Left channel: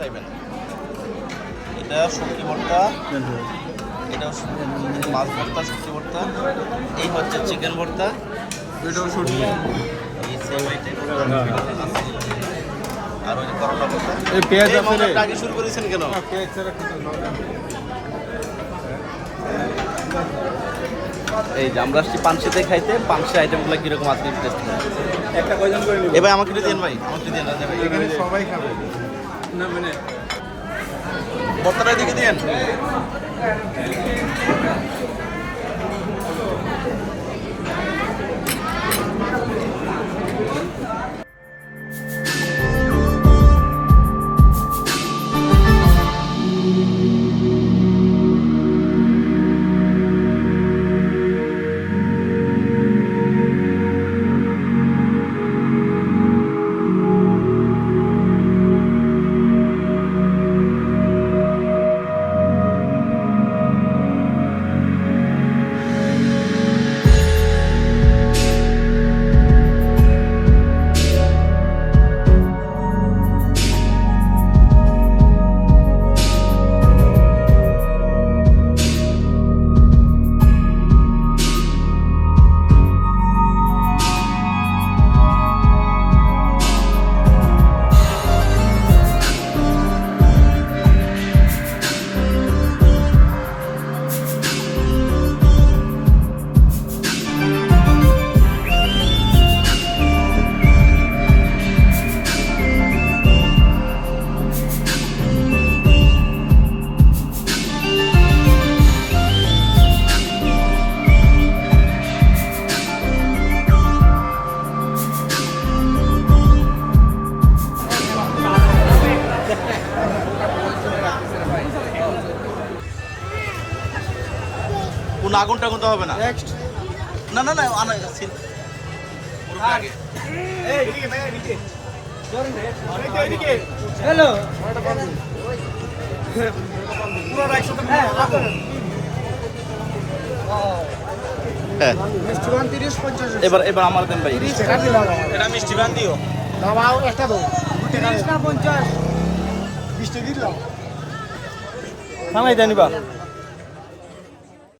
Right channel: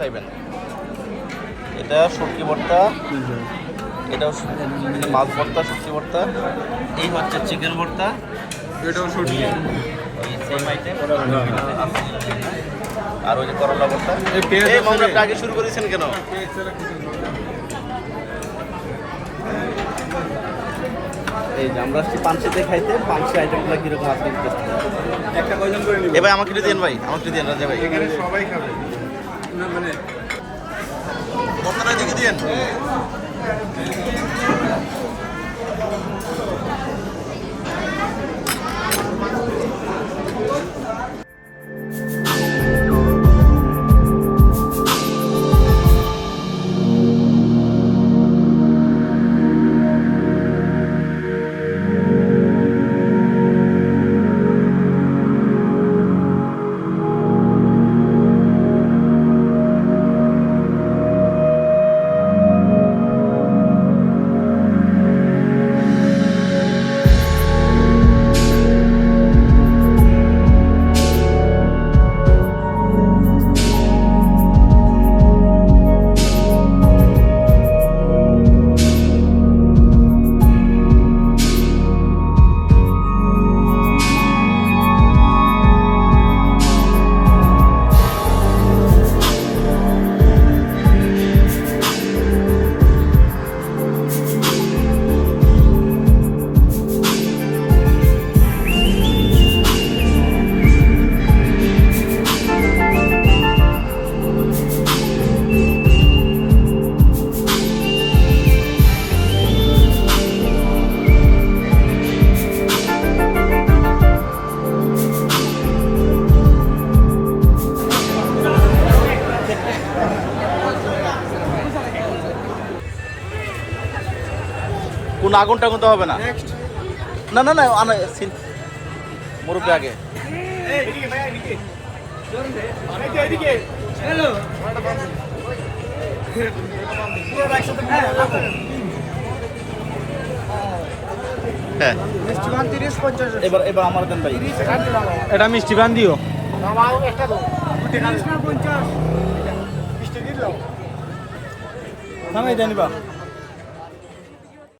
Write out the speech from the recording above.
চাইবেন? এটা সবজি ভর্তা এটা হচ্ছে মাছ ভর্তা সবজি ভর্তা এই হচ্ছে চিকেন ভর্তা এটাও সবজি এই আর ওই যে করোনা ভর্তা। এই পেঁয়াজ। আগে শুরু করেছেন কেন? এই যে আমরা আসছি পানসিতে খাইতে পানসি আইটেমগুলো কীরকম আজকে টেস্ট এ ভাই আমাকে দিন ভাই আমাকে দিন রাজা ভাই। না মানে ভর্তাটা দিকে দিন কোন আগুন টাগুন তো হবে না। না না না আনা সিন- আগে। এই এদিকে ভাই এদিকে এদিকে এদিকে হ্যালো। হ্যাঁ মিষ্টিমান 30 50 এবার এবার আমার দেন ভাই। এটা মিষ্টি বান দিও। একটা দাও 30